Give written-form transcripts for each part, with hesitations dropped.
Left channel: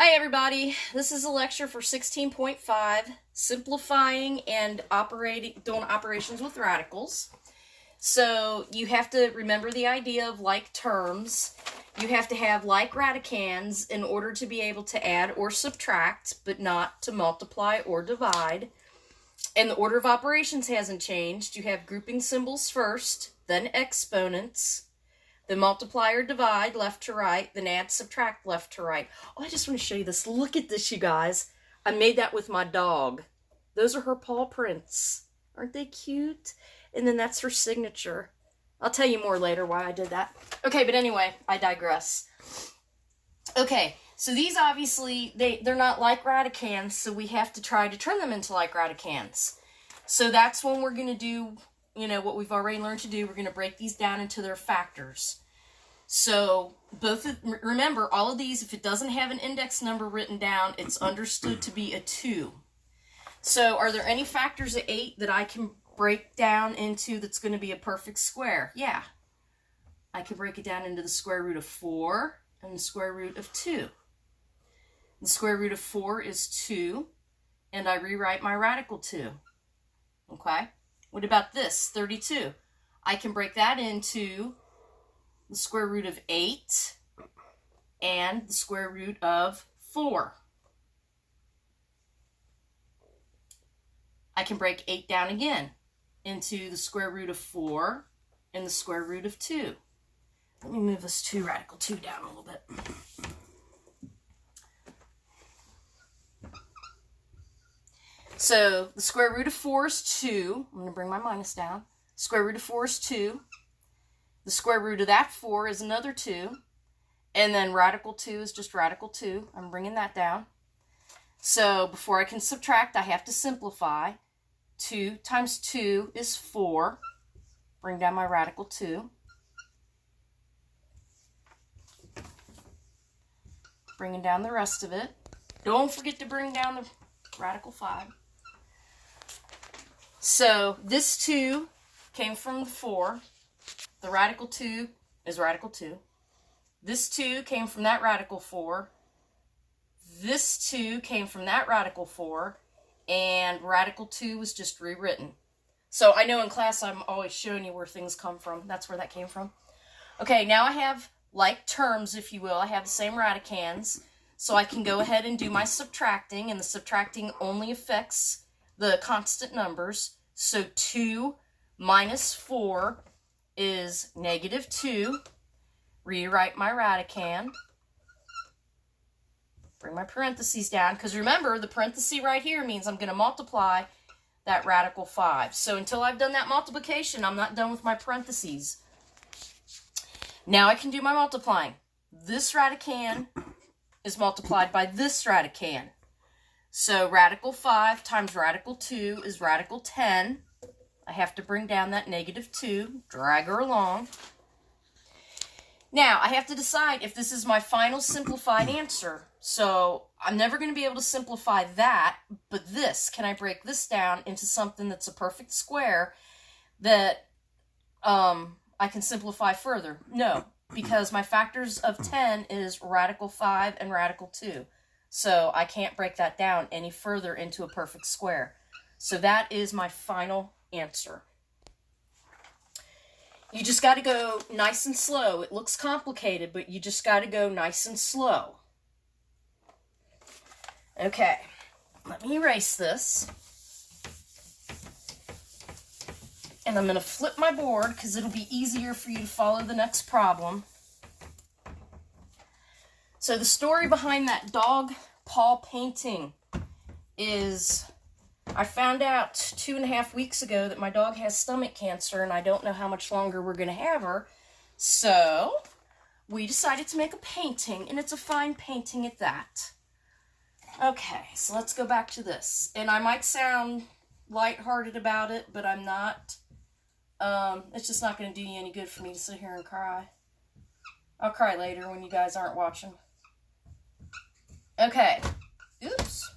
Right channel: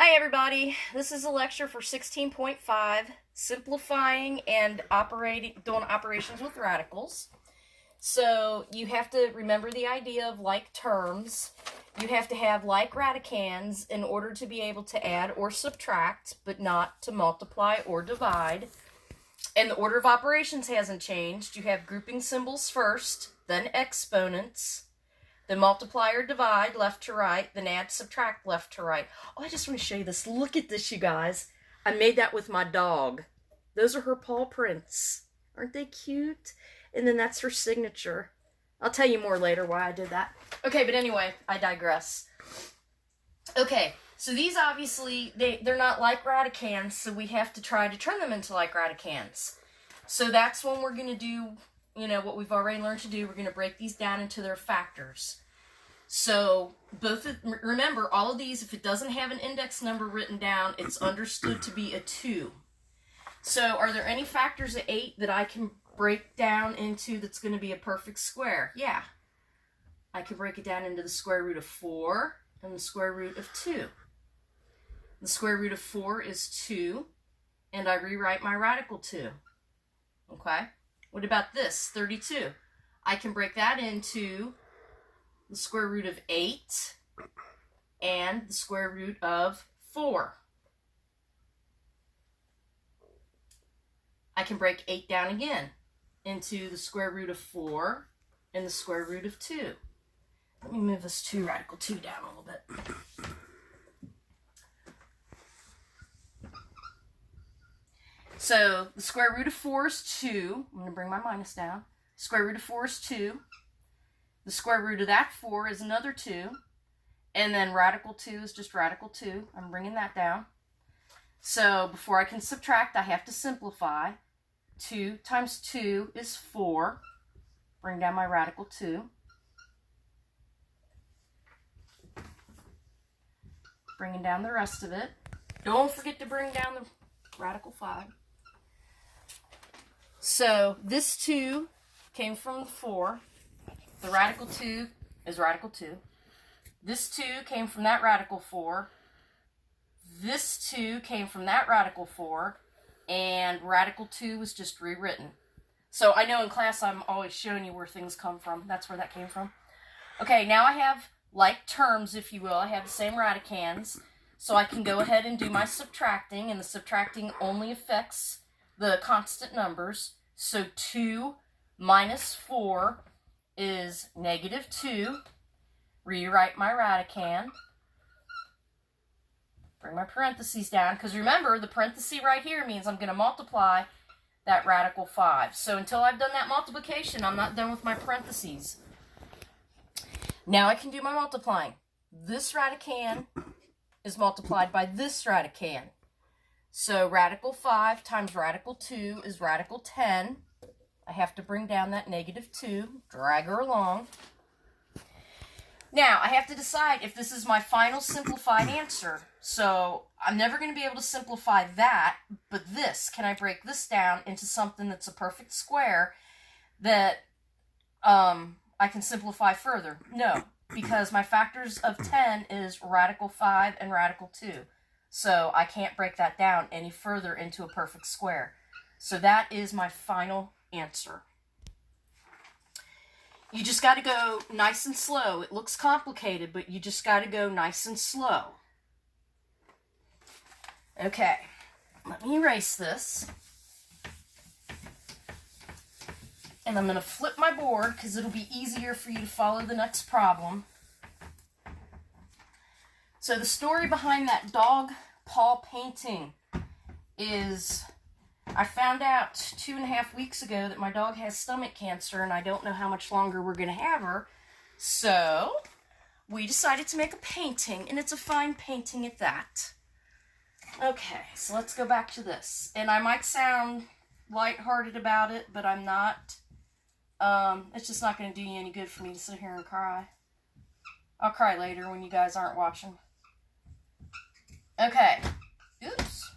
Hi everybody, this is a lecture for 16.5, simplifying and doing operations with radicals. So you have to remember the idea of like terms. You have to have like radicands in order to be able to add or subtract, but not to multiply or divide. And the order of operations hasn't changed. You have grouping symbols first, then exponents, then multiply or divide left to right, then add, subtract left to right. Oh, I just want to show you this. Look at this, you guys. I made that with my dog. Those are her paw prints. Aren't they cute? And then that's her signature. I'll tell you more later why I did that. Okay, but anyway, I digress. Okay, so these obviously, they're not like radicands, so we have to try to turn them into like radicands. So that's when we're going to do, what we've already learned to do. We're going to break these down into their factors. So remember, all of these, if it doesn't have an index number written down, it's understood to be a 2. So are there any factors of 8 that I can break down into that's going to be a perfect square? Yeah. I can break it down into the square root of 4 and the square root of 2. The square root of 4 is 2, and I rewrite my radical 2. Okay? What about this, 32? I can break that into the square root of 8 and the square root of 4. I can break 8 down again into the square root of 4 and the square root of 2. Let me move this radical 2 down a little bit. So the square root of 4 is 2. I'm going to bring my minus down. Square root of 4 is 2. The square root of that 4 is another 2. And then radical 2 is just radical 2. I'm bringing that down. So before I can subtract, I have to simplify. 2 times 2 is 4. Bring down my radical 2. Bringing down the rest of it. Don't forget to bring down the radical 5. So this 2 came from the 4. The radical 2 is radical 2. This 2 came from that radical 4. This 2 came from that radical 4. And radical 2 was just rewritten. So I know in class I'm always showing you where things come from. That's where that came from. Okay, now I have like terms, if you will. I have the same radicands. So I can go ahead and do my subtracting. And the subtracting only affects the constant numbers. So 2 minus 4 is negative 2. Rewrite my radicand. Bring my parentheses down, because remember, the parenthesis right here means I'm going to multiply that radical 5. So until I've done that multiplication, I'm not done with my parentheses. Now I can do my multiplying. This radicand is multiplied by this radicand. So radical 5 times radical 2 is radical 10. I have to bring down that negative 2, drag her along. Now, I have to decide if this is my final simplified answer. So I'm never going to be able to simplify that, but this, can I break this down into something that's a perfect square that I can simplify further? No, because my factors of 10 is radical 5 and radical 2. So I can't break that down any further into a perfect square. So that is my final answer. You just got to go nice and slow. It looks complicated, but you just got to go nice and slow. Okay, let me erase this. And I'm going to flip my board because it'll be easier for you to follow the next problem. So the story behind that dog paw painting is, I found out 2.5 weeks ago that my dog has stomach cancer, and I don't know how much longer we're going to have her. So we decided to make a painting, and it's a fine painting at that. Okay, so let's go back to this. And I might sound lighthearted about it, but I'm not. It's just not going to do you any good for me to sit here and cry. I'll cry later when you guys aren't watching. Okay. Oops.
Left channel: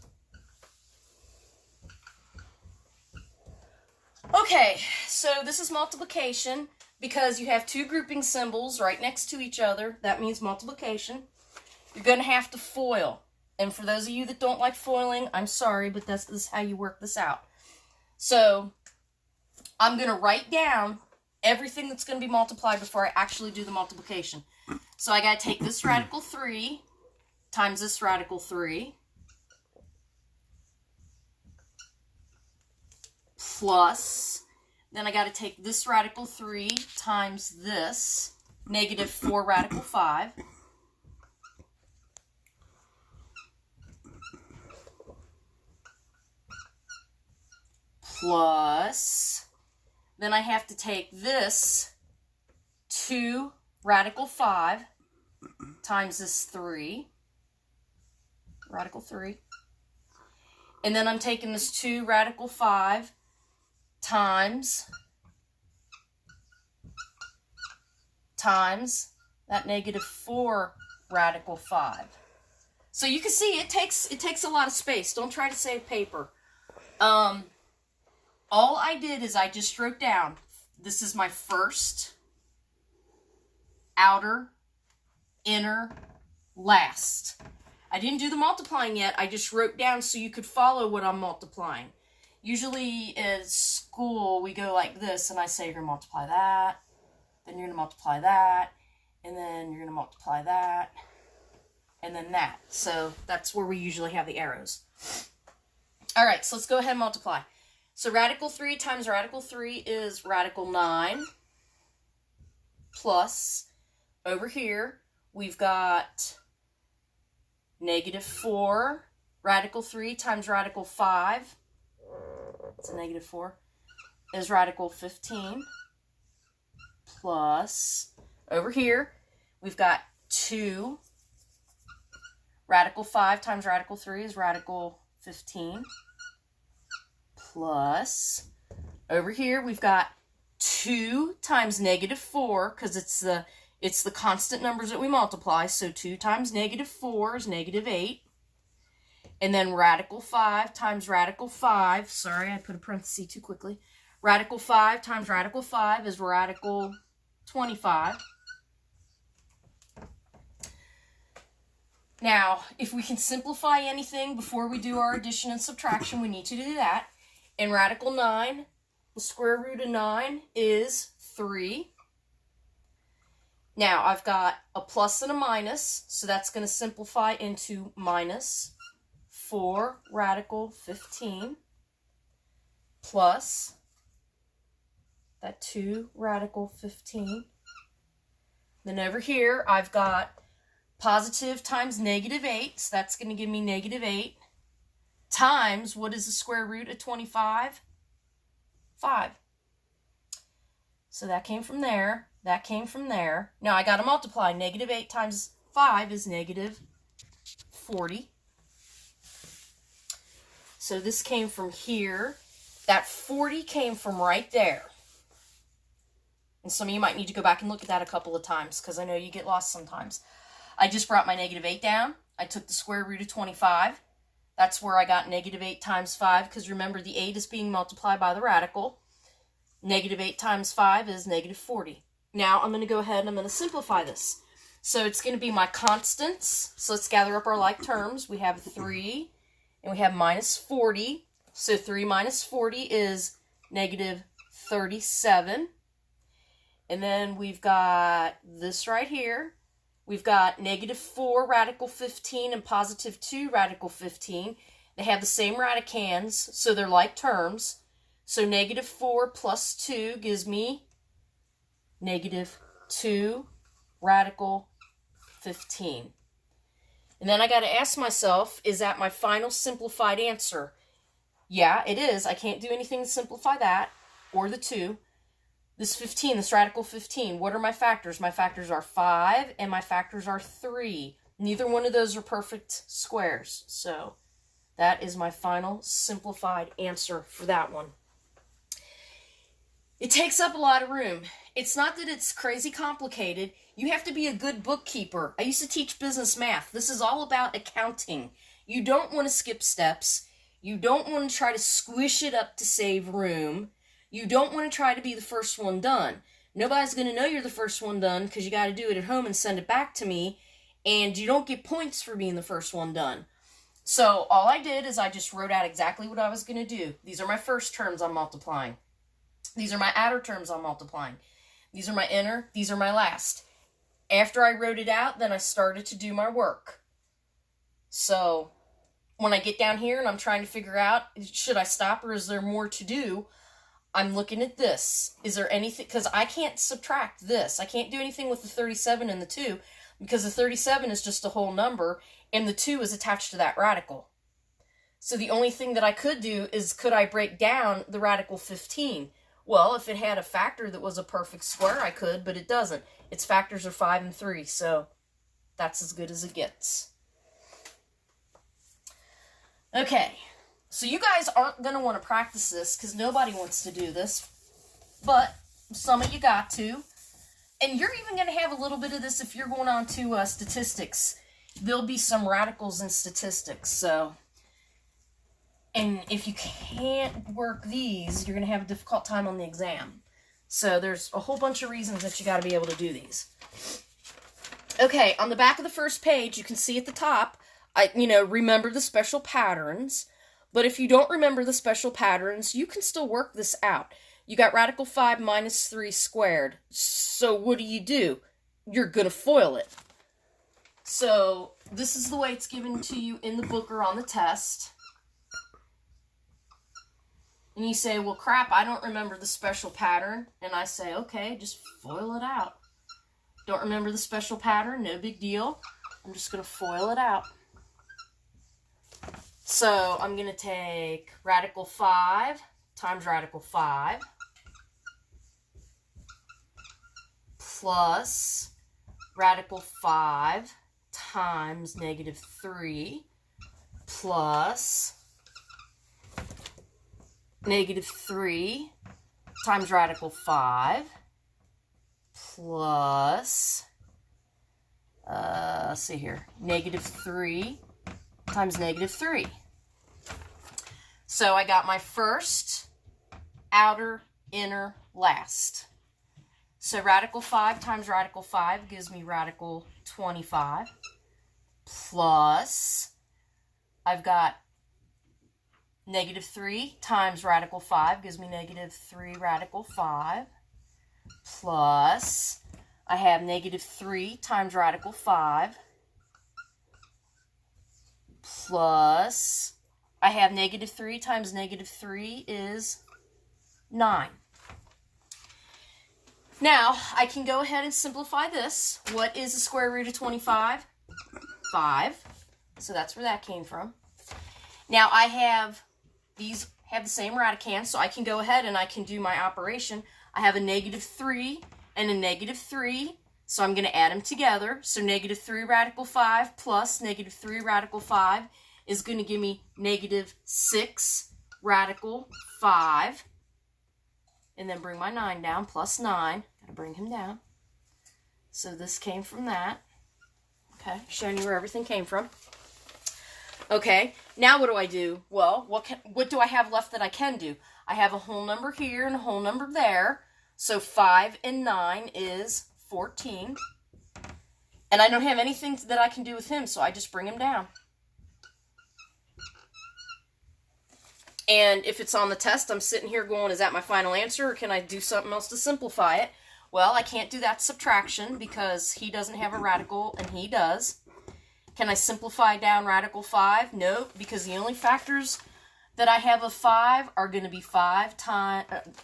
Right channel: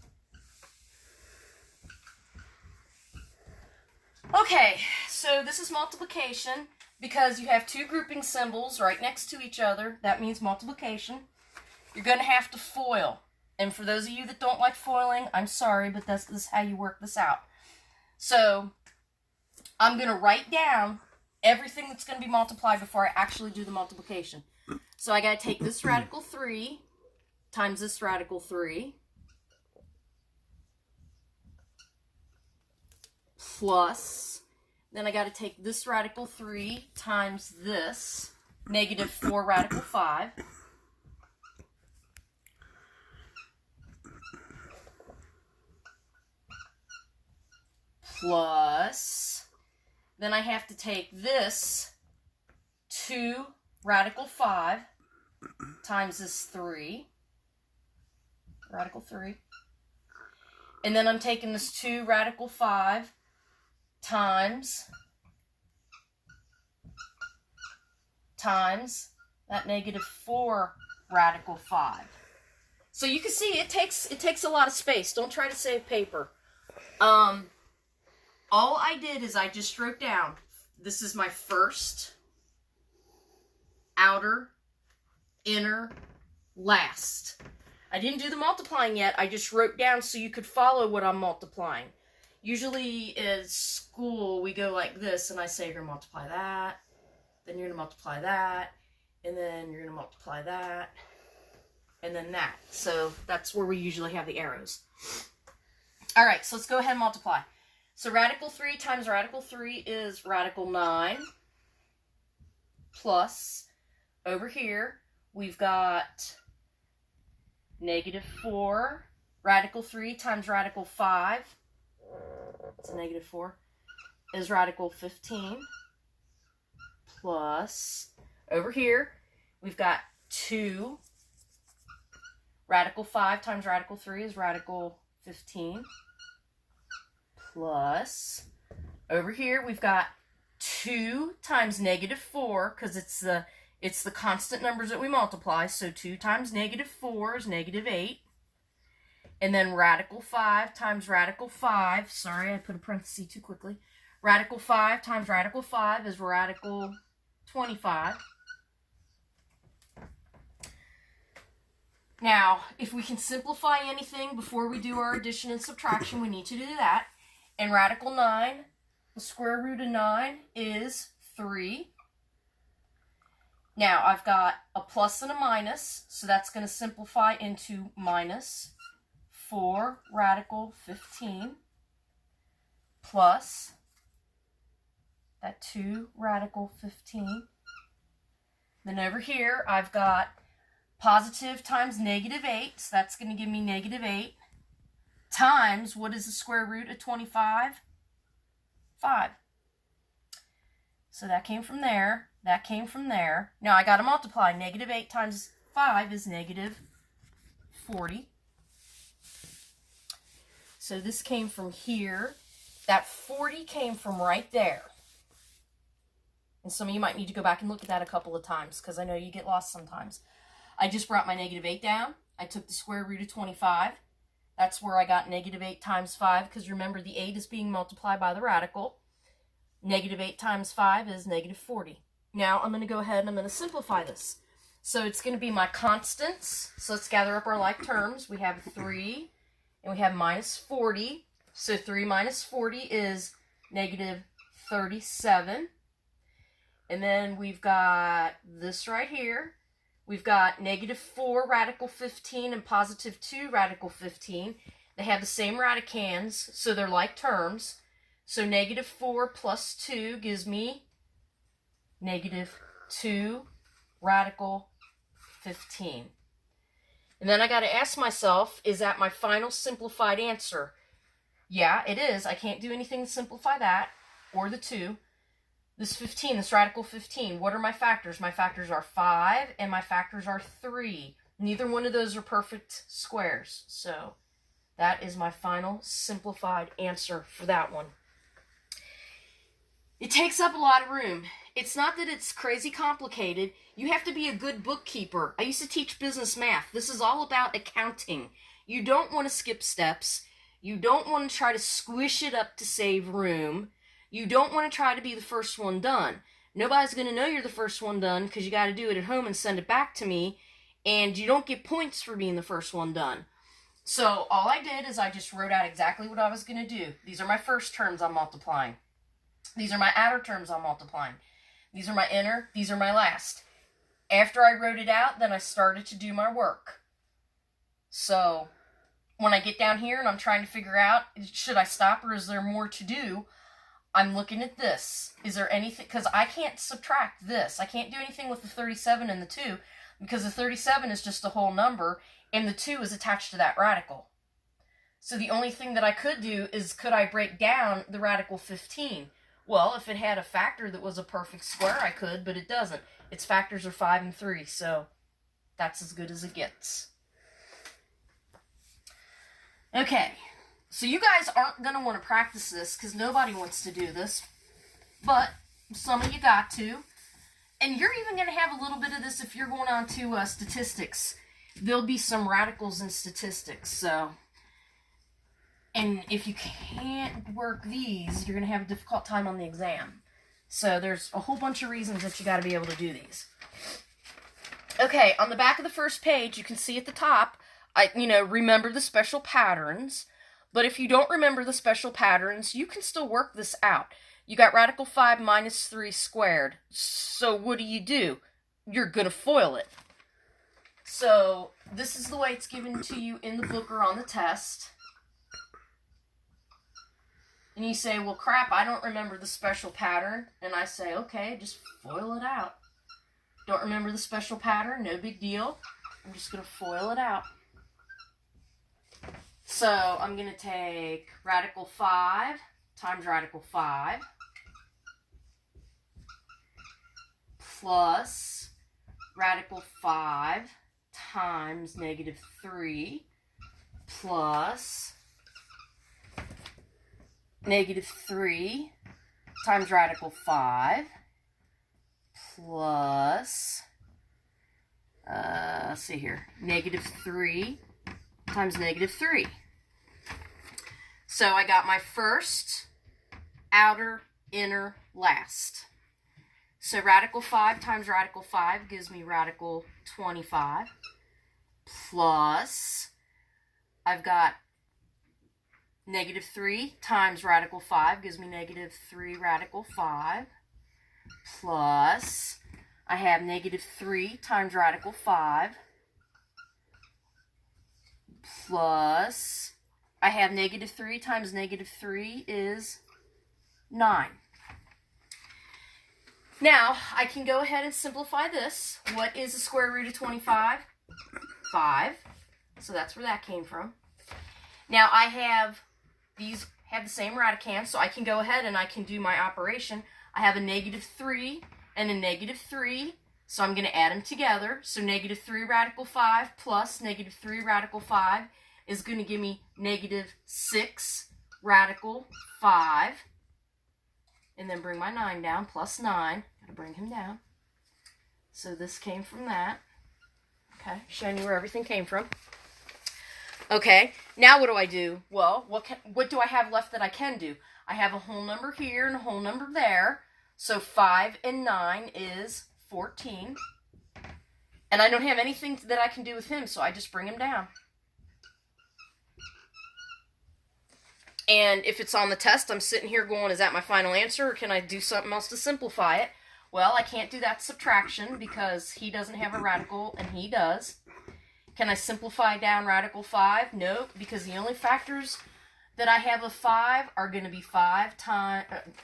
Okay, so this is multiplication. Because you have two grouping symbols right next to each other, that means multiplication. You're going to have to FOIL. And for those of you that don't like foiling, I'm sorry, but this is how you work this out. So I'm going to write down everything that's going to be multiplied before I actually do the multiplication. So I got to take this radical 3 times this radical 3 plus, then I got to take this radical 3 times this negative 4 radical 5 plus, then I have to take this 2 radical 5 times this 3, radical 3, and then I'm taking this 2 radical 5 times that negative 4 radical 5. So you can see it takes a lot of space. Don't try to save paper. All I did is I just wrote down, this is my first, outer, inner, last. I didn't do the multiplying yet. I just wrote down so you could follow what I'm multiplying. Usually in school, we go like this, and I say you're going to multiply that, then you're going to multiply that, and then you're going to multiply that, and then that. So that's where we usually have the arrows. All right, so let's go ahead and multiply. So radical 3 times radical 3 is radical 9 plus, over here, we've got negative 4. Radical 3 times radical 5, it's a negative 4, is radical 15 plus, over here, we've got 2. Radical 5 times radical 3 is radical 15 plus, over here we've got 2 times negative 4, because it's the constant numbers that we multiply, so 2 times negative 4 is negative 8, and then radical 5 times radical 5, sorry I put a parenthesis too quickly, radical 5 times radical 5 is radical 25. Now, if we can simplify anything before we do our addition and subtraction, we need to do that. And radical 9, the square root of 9 is 3. Now, I've got a plus and a minus, so that's going to simplify into minus 4 radical 15 plus that 2 radical 15. Then over here, I've got positive times negative 8, so that's going to give me negative 8, times, what is the square root of 25? 5. So that came from there, that came from there. Now I got to multiply. Negative 8 times 5 is negative 40. So this came from here. That 40 came from right there. And some of you might need to go back and look at that a couple of times, because I know you get lost sometimes. I just brought my negative 8 down. I took the square root of 25. That's where I got negative 8 times 5, because remember the 8 is being multiplied by the radical. Negative 8 times 5 is negative 40. Now I'm going to go ahead and I'm going to simplify this. So it's going to be my constants. So let's gather up our like terms. We have 3 and we have minus 40. So 3 minus 40 is negative 37. And then we've got this right here. We've got negative 4 radical 15 and positive 2 radical 15. They have the same radicands, so they're like terms. So negative 4 plus 2 gives me negative 2 radical 15. And then I got to ask myself, is that my final simplified answer? Yeah, it is. I can't do anything to simplify that, or the 2. This 15, this radical 15, what are my factors? My factors are 5 and my factors are 3. Neither one of those are perfect squares. So that is my final simplified answer for that one. It takes up a lot of room. It's not that it's crazy complicated. You have to be a good bookkeeper. I used to teach business math. This is all about accounting. You don't want to skip steps. You don't want to try to squish it up to save room. You don't want to try to be the first one done. Nobody's going to know you're the first one done because you got to do it at home and send it back to me, and you don't get points for being the first one done. So all I did is I just wrote out exactly what I was going to do. These are my first terms I'm multiplying. These are my outer terms I'm multiplying. These are my inner. These are my last. After I wrote it out, then I started to do my work. So when I get down here and I'm trying to figure out, should I stop or is there more to do? I'm looking at this. Is there anything, because I can't subtract this. I can't do anything with the 37 and the 2 because the 37 is just a whole number and the 2 is attached to that radical. So the only thing that I could do is, could I break down the radical 15? Well, if it had a factor that was a perfect square, I could, but it doesn't. Its factors are 5 and 3, so that's as good as it gets. Okay, so you guys aren't going to want to practice this because nobody wants to do this, but some of you got to. And you're even going to have a little bit of this if you're going on to statistics. There'll be some radicals in statistics, so. And if you can't work these, you're going to have a difficult time on the exam. So there's a whole bunch of reasons that you got to be able to do these. Okay, on the back of the first page, you can see at the top, remember the special patterns. But if you don't remember the special patterns, you can still work this out. You got radical 5 minus 3 squared. So what do? You're going to FOIL it. So this is the way it's given to you in the book or on the test. And you say, well, crap, I don't remember the special pattern. And I say, okay, just FOIL it out. Don't remember the special pattern? No big deal. I'm just going to FOIL it out. So I'm going to take radical 5 times radical 5 plus radical 5 times negative 3 plus negative 3 times radical 5 plus, let's see here, negative 3 times negative 3. So I got my first, outer, inner, last. So radical 5 times radical 5 gives me radical 25 plus, I've got negative 3 times radical 5 gives me negative 3 radical 5 plus, I have negative 3 times radical 5 plus, I have negative 3 times negative 3 is 9. Now, I can go ahead and simplify this. What is the square root of 25? 5. So that's where that came from. Now, I have, these have the same radicand, so I can go ahead and I can do my operation. I have a negative 3 and a negative 3, so I'm going to add them together. So negative 3 radical 5 plus negative 3 radical 5 is going to give me negative 6 radical 5. And then bring my 9 down, plus 9. Got to bring him down. So this came from that. Okay, showing you where everything came from. Okay, now what do I do? Well, what do I have left that I can do? I have a whole number here and a whole number there. So 5 and 9 is 14. And I don't have anything that I can do with him, so I just bring him down. And if it's on the test, I'm sitting here going, is that my final answer, or can I do something else to simplify it? Well, I can't do that subtraction because he doesn't have a radical and he does. Can I simplify down radical 5? No, because the only factors that I have of 5 are going to be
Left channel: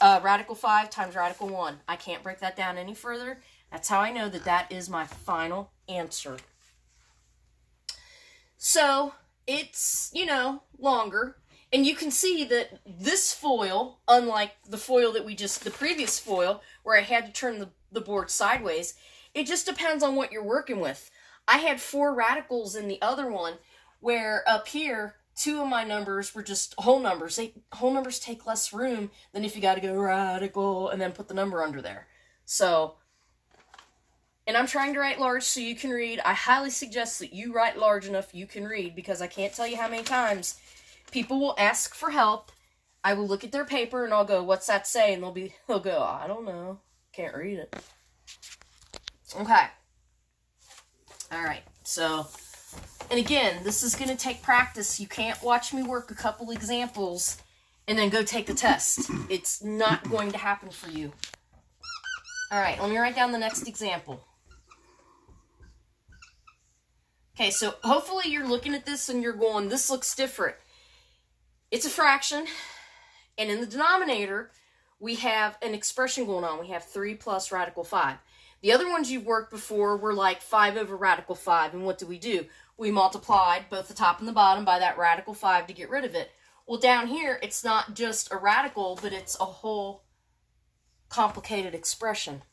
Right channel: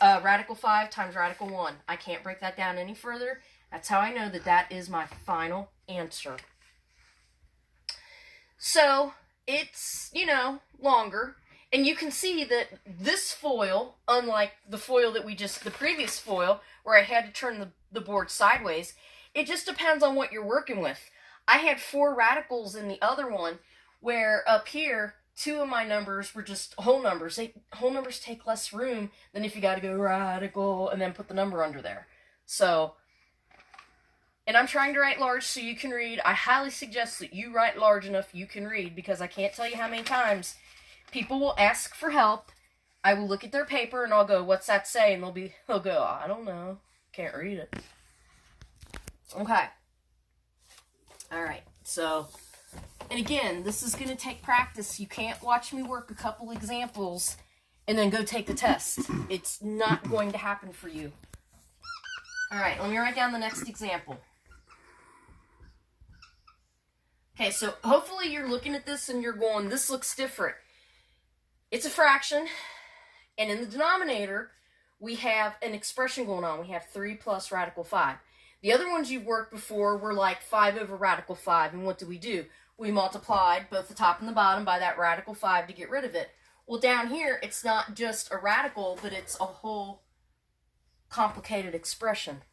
radical 5 times radical 1. I can't break that down any further. That's how I know that that is my final answer. So, it's, longer. And you can see that this foil, unlike the foil that the previous foil, where I had to turn the board sideways, it just depends on what you're working with. I had 4 radicals in the other one, where up here, 2 of my numbers were just whole numbers. Whole numbers take less room than if you got to go radical and then put the number under there. So, and I'm trying to write large so you can read. I highly suggest that you write large enough you can read, because I can't tell you how many times people will ask for help. I will look at their paper and I'll go, what's that say? And they'll go, I don't know. Can't read it. Okay. All right. So And again, this is going to take practice. You can't watch me work a couple examples and then go take the test. It's not going to happen for you. All right, let me write down the next example. Okay, so hopefully you're looking at this and you're going, this looks different. It's a fraction, and in the denominator, we have an expression going on. We have 3 plus radical 5. The other ones you've worked before were like 5 over radical 5, and what do? We multiplied both the top and the bottom by that radical 5 to get rid of it. Well, down here, it's not just a radical, but it's a whole complicated expression.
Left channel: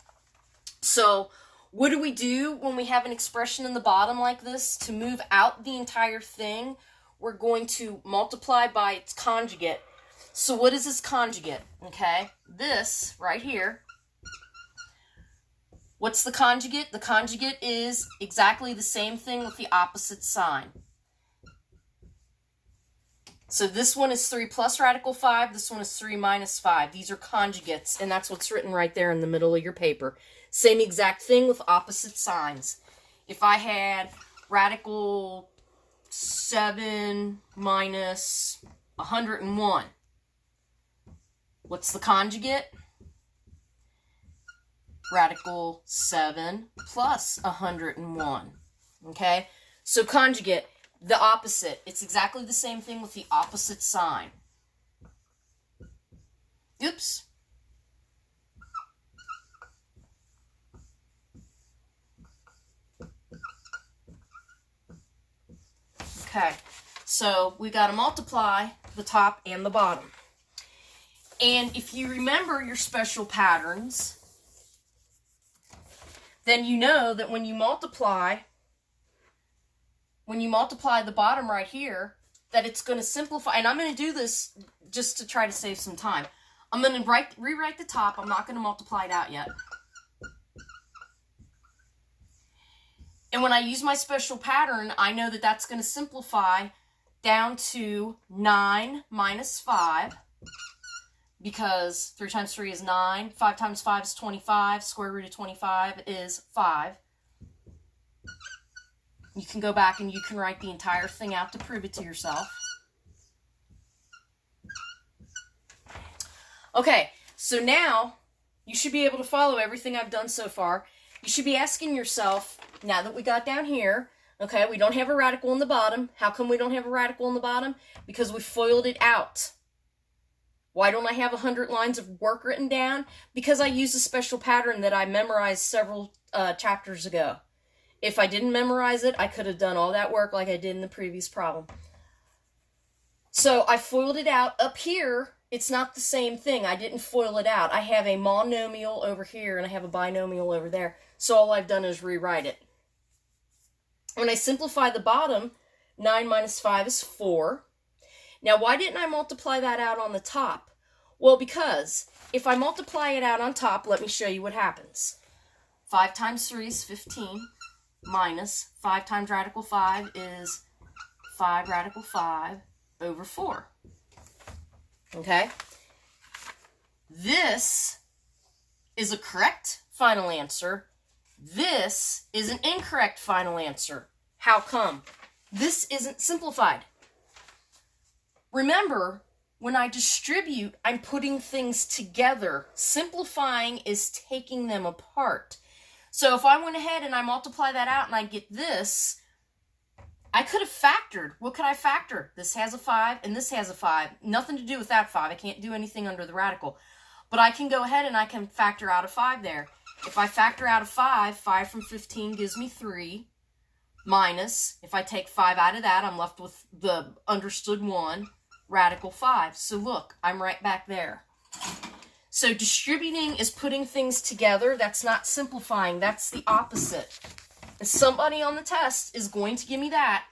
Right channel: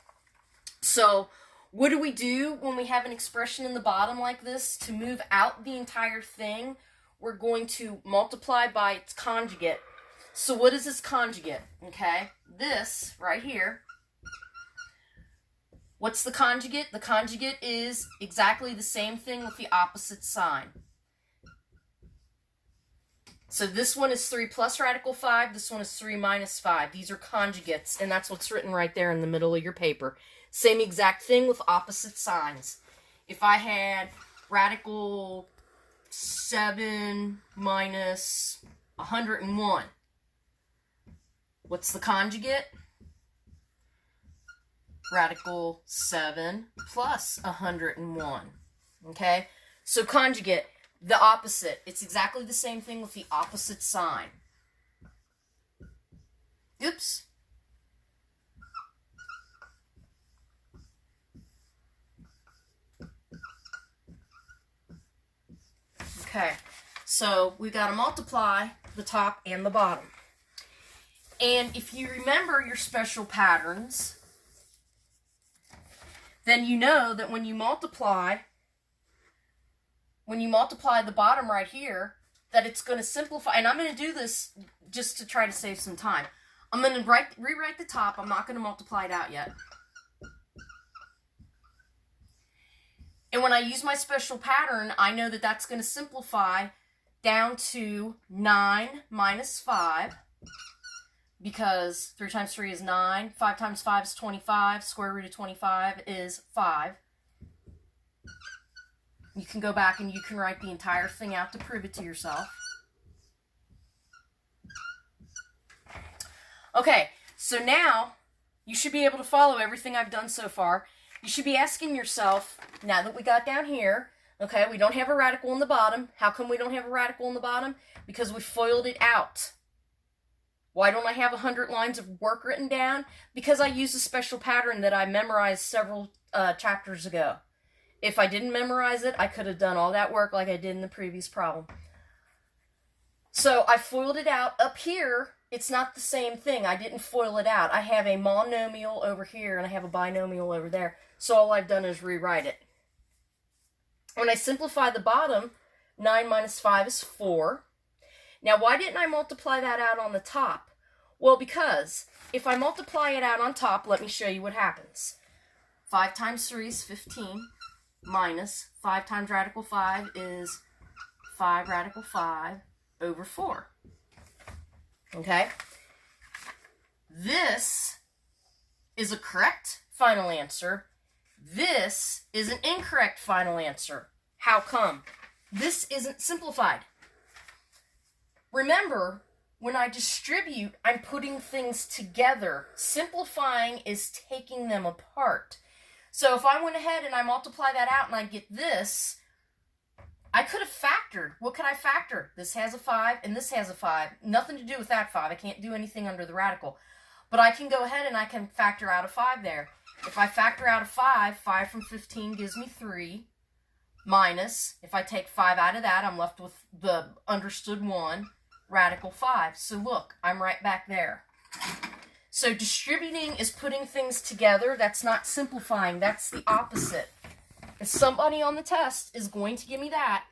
So what do we do when we have an expression in the bottom like this? To move out the entire thing, we're going to multiply by its conjugate. So what is this conjugate? Okay, this right here. What's the conjugate? The conjugate is exactly the same thing with the opposite sign. So this one is 3 plus radical 5. This one is 3 minus 5. These are conjugates, and that's what's written right there in the middle of your paper. Same exact thing with opposite signs. If I had radical 7 minus 101, what's the conjugate? Radical 7 plus 101. Okay? So conjugate, the opposite. It's exactly the same thing with the opposite sign. Oops. Okay, so we got to multiply the top and the bottom. And if you remember your special patterns, then you know that when you multiply the bottom right here, that it's going to simplify. And I'm going to do this just to try to save some time. I'm going to rewrite the top. I'm not going to multiply it out yet. And when I use my special pattern, I know that that's going to simplify down to 9 minus 5, because 3 times 3 is 9, 5 times 5 is 25, square root of 25 is 5. You can go back and you can write the entire thing out to prove it to yourself. Okay, so now you should be able to follow everything I've done so far. You should be asking yourself, now that we got down here, okay, we don't have a radical in the bottom. How come we don't have a radical in the bottom? Because we FOILed it out. Why don't I have 100 lines of work written down? Because I used a special pattern that I memorized several chapters ago. If I didn't memorize it, I could have done all that work like I did in the previous problem. So I FOILed it out. Up here, it's not the same thing. I didn't FOIL it out. I have a monomial over here and I have a binomial over there. So all I've done is rewrite it. When I simplify the bottom, 9 minus 5 is 4. Now, why didn't I multiply that out on the top? Well, because if I multiply it out on top, let me show you what happens. 5 times 3 is 15, minus 5 times radical 5 is 5 radical 5 over 4. Okay? This is a correct final answer. This is an incorrect final answer. How come? This isn't simplified. Remember, when I distribute, I'm putting things together. Simplifying is taking them apart. So if I went ahead and I multiply that out and I get this, I could have factored. What could I factor? This has a 5 and this has a 5. Nothing to do with that 5. I can't do anything under the radical. But I can go ahead and I can factor out a 5 there. If I factor out a 5, 5 from 15 gives me 3. Minus, if I take 5 out of that, I'm left with the understood 1, radical 5. So look, I'm right back there. So distributing is putting things together. That's not simplifying. That's the opposite. And somebody on the test is going to give me that,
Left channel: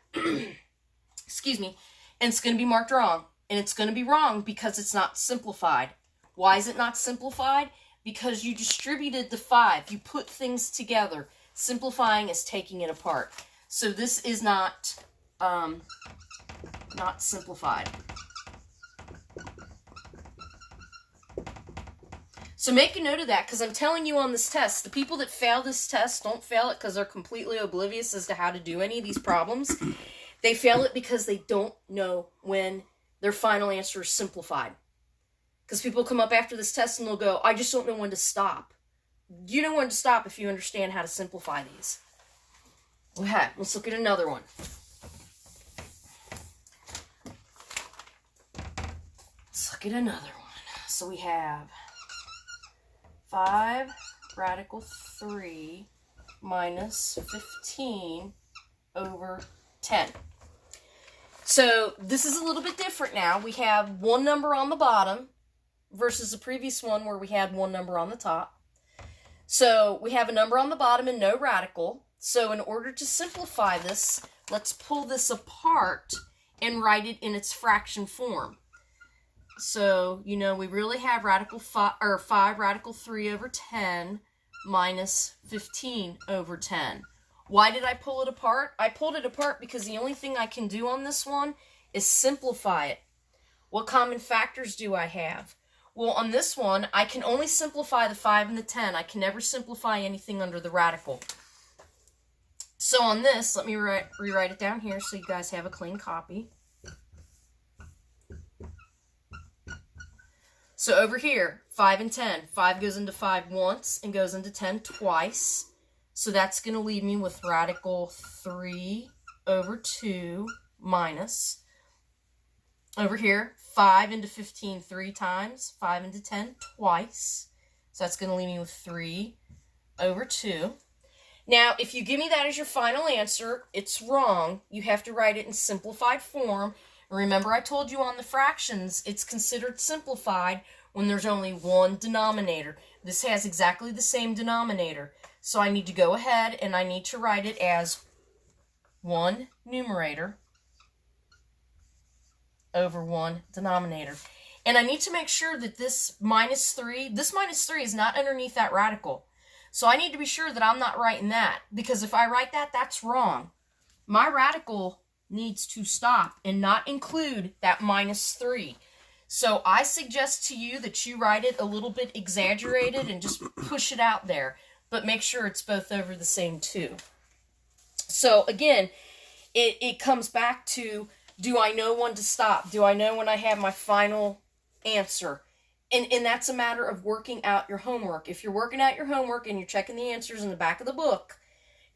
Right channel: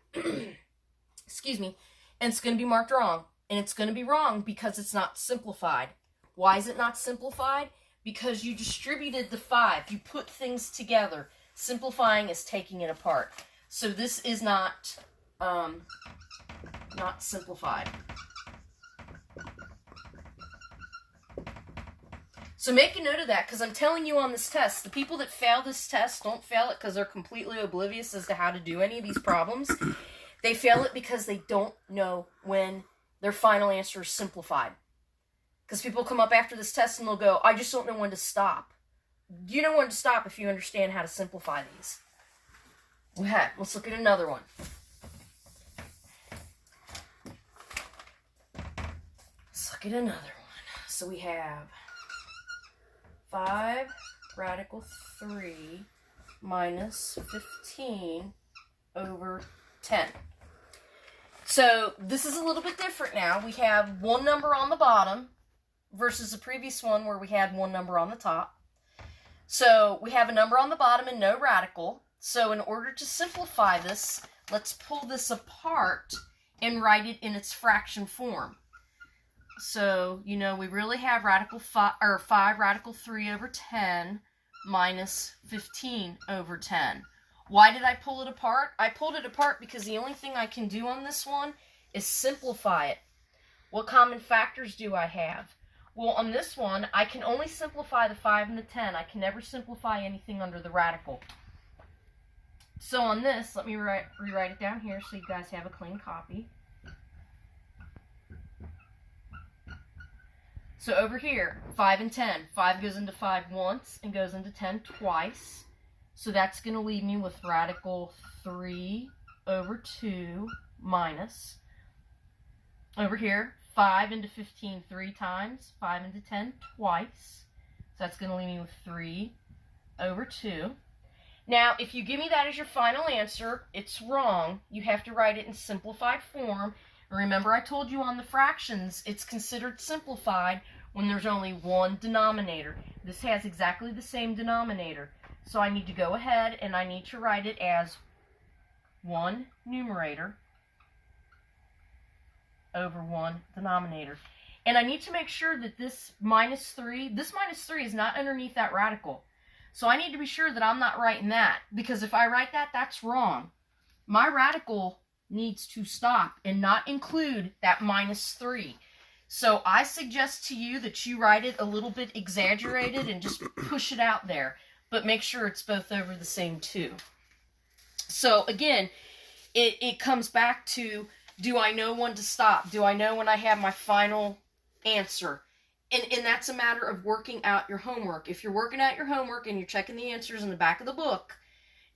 excuse me, and it's going to be marked wrong. And it's going to be wrong because it's not simplified. Why is it not simplified? Because you distributed the 5. You put things together. Simplifying is taking it apart. So this is not simplified. So make a note of that, because I'm telling you on this test, the people that fail this test don't fail it because they're completely oblivious as to how to do any of these problems. They fail it because they don't know when their final answer is simplified. Because people come up after this test and they'll go, I just don't know when to stop. You know when to stop if you understand how to simplify these. Okay, let's look at another one. Let's look at another one. So we have 5 radical 3 minus 15 over 10. So this is a little bit different now. We have one number on the bottom versus the previous one where we had one number on the top. So we have a number on the bottom and no radical. So in order to simplify this, let's pull this apart and write it in its fraction form. So, you know, we really have radical 5 radical 3 over 10 minus 15 over 10. Why did I pull it apart? I pulled it apart because the only thing I can do on this one is simplify it. What common factors do I have? Well, on this one, I can only simplify the 5 and the 10. I can never simplify anything under the radical. So on this, let me rewrite it down here so you guys have a clean copy. So over here, 5 and 10. 5 goes into 5 once and goes into 10 twice. So that's going to leave me with radical 3 over 2 minus. Over here, 5 into 15 3 times. 5 into 10 twice. So that's going to leave me with 3 over 2. Now, if you give me that as your final answer, it's wrong. You have to write it in simplified form. Remember, I told you on the fractions, it's considered simplified when there's only one denominator. This has exactly the same denominator. So I need to go ahead and I need to write it as 1 numerator over 1 denominator. And I need to make sure that this minus 3 is not underneath that radical. So I need to be sure that I'm not writing that, because if I write that, that's wrong. My radical needs to stop and not include that minus 3. So I suggest to you that you write it a little bit exaggerated and just push it out there, but make sure it's both over the same 2. So again, it comes back to, do I know when to stop? Do I know when I have my final answer? And that's a matter of working out your homework. If you're working out your homework and you're checking the answers in the back of the book,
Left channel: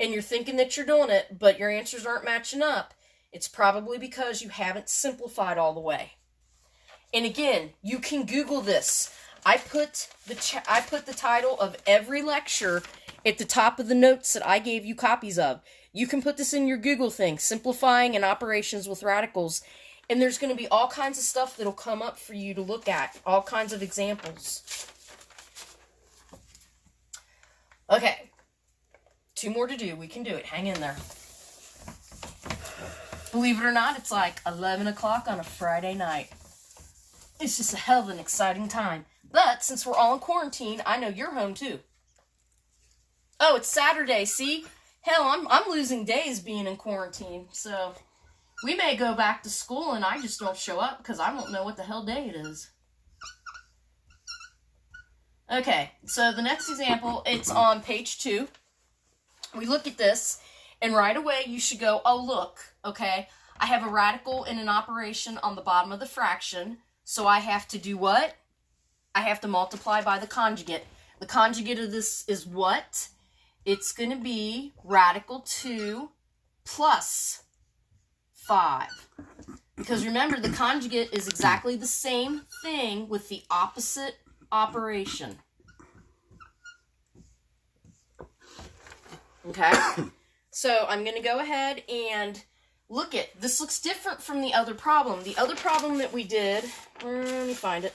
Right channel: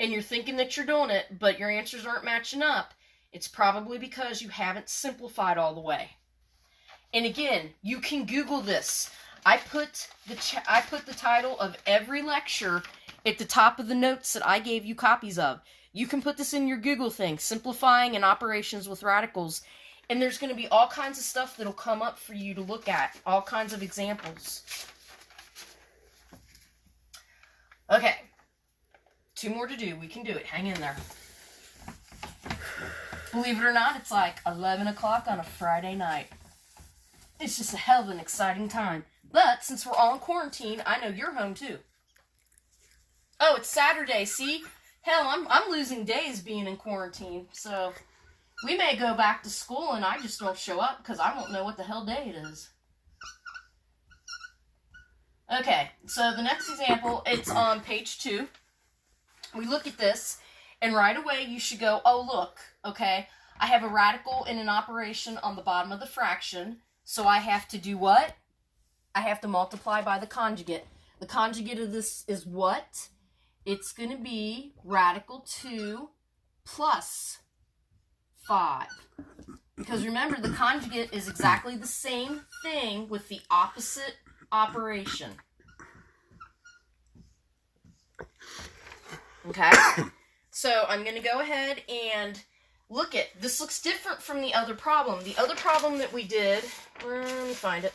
and you're thinking that you're doing it, but your answers aren't matching up, it's probably because you haven't simplified all the way. And again, you can Google this. I put the title of every lecture at the top of the notes that I gave you copies of. You can put this in your Google thing, simplifying and operations with radicals, and there's going to be all kinds of stuff that'll come up for you to look at, all kinds of examples. Okay, 2 more to do. We can do it. Hang in there. Believe it or not, it's like 11 o'clock on a Friday night. It's just a hell of an exciting time. But since we're all in quarantine, I know you're home too. Oh, it's Saturday, see? Hell, I'm losing days being in quarantine. So we may go back to school and I just don't show up because I won't know what the hell day it is. Okay, so the next example, it's on page 2. We look at this, and right away you should go, oh look, okay, I have a radical and an operation on the bottom of the fraction, so I have to do what? I have to multiply by the conjugate. The conjugate of this is what? It's going to be radical 2 plus 5. Because remember, the conjugate is exactly the same thing with the opposite operation. Okay? So I'm going to go ahead and look at, this looks different from the other problem. The other problem that we did, let me find it,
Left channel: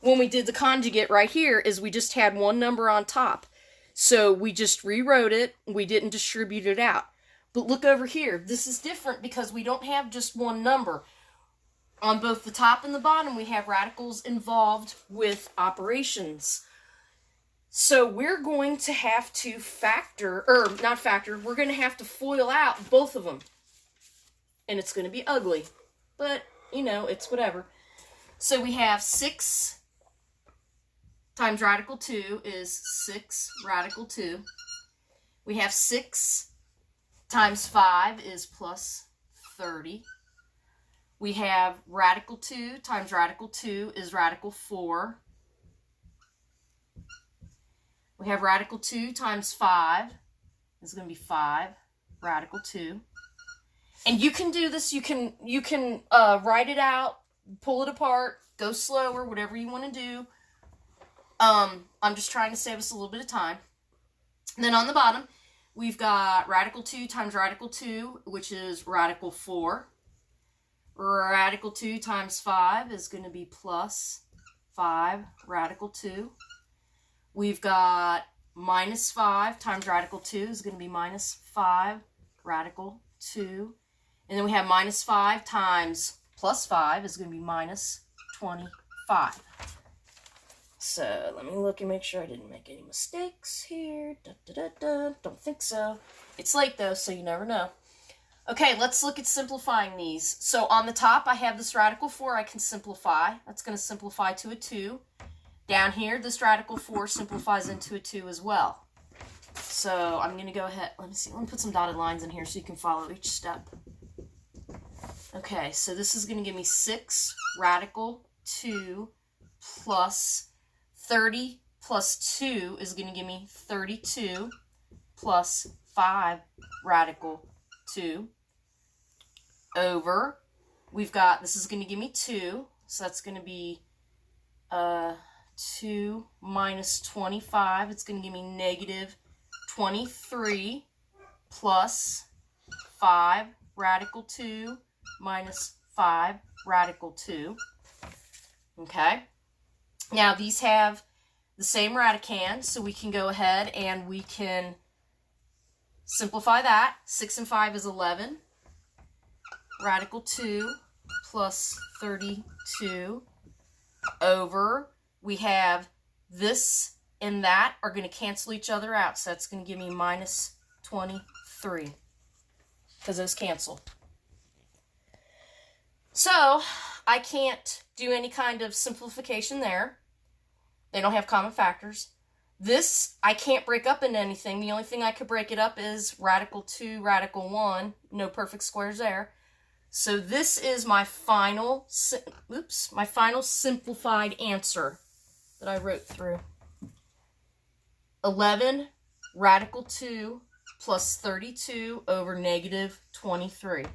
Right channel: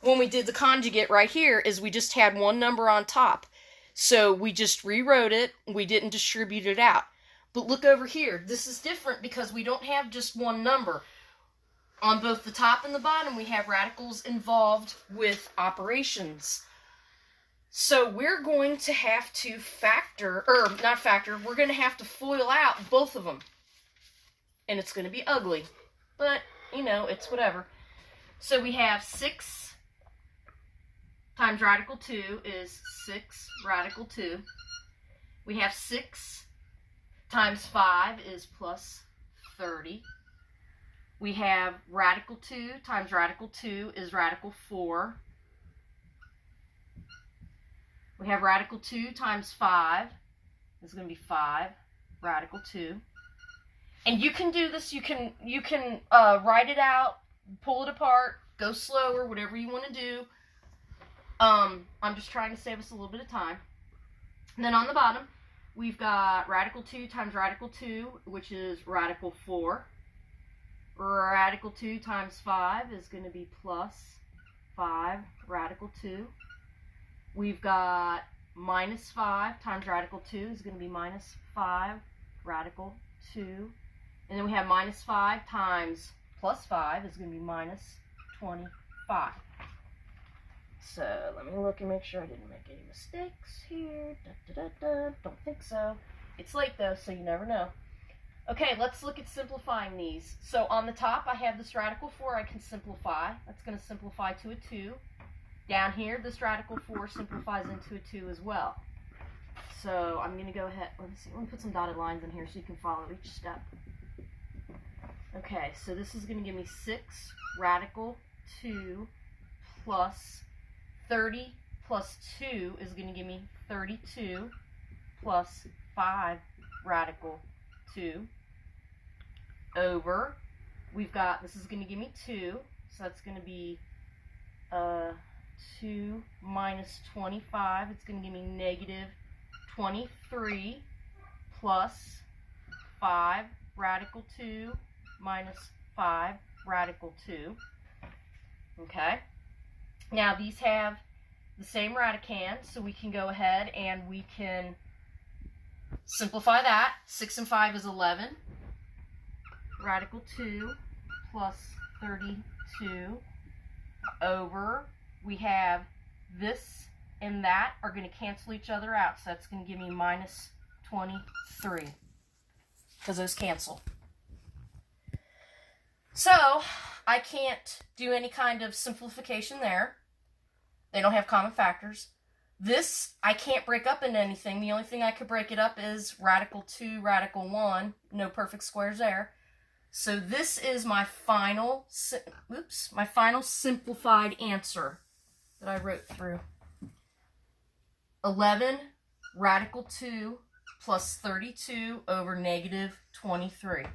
when we did the conjugate right here, is we just had one number on top. So we just rewrote it, we didn't distribute it out. But look over here, this is different because we don't have just one number. On both the top and the bottom, we have radicals involved with operations. So we're going to have to we're going to have to FOIL out both of them. And it's going to be ugly. But, you know, it's whatever. So we have 6 times radical 2 is 6 radical 2. We have 6 times 5 is plus 30. We have radical 2 times radical 2 is radical 4. We have radical 2 times 5 is going to be 5 radical 2. And you can do this, you can write it out, pull it apart, go slower, whatever you want to do. I'm just trying to save us a little bit of time. And then on the bottom, we've got radical 2 times radical 2, which is radical 4. Radical 2 times 5 is going to be plus 5 radical 2. We've got minus 5 times radical 2 is going to be minus 5 radical 2. And then we have minus 5 times plus 5 is going to be minus 25. So let me look and make sure I didn't make any mistakes here. Don't think so. It's late though, so you never know. Okay, let's look at simplifying these. So on the top, I have this radical 4 I can simplify. That's going to simplify to a 2. Down here, this radical 4 simplifies into a 2 as well. So I'm going to go ahead, let me put some dotted lines in here so you can follow each step. Okay, so this is going to give me 6 radical 2 plus 30 plus 2 is going to give me 32 plus 5 radical 2 over, we've got, this is going to give me 2, so that's going to be 2 minus 25, it's going to give me negative 23 plus 5 radical 2 minus 5 radical 2. Okay, now these have the same radicand, so we can go ahead and we can simplify that. 6 and 5 is 11. Radical 2 plus 32 over, we have this and that are going to cancel each other out, so that's going to give me minus 23 because those cancel. So I can't do any kind of simplification there. They don't have common factors. This I can't break up into anything. The only thing I could break it up is radical 2, radical 1. No perfect squares there. So this is my final, my final simplified answer that I wrote through. 11 radical 2 plus 32 over negative 23.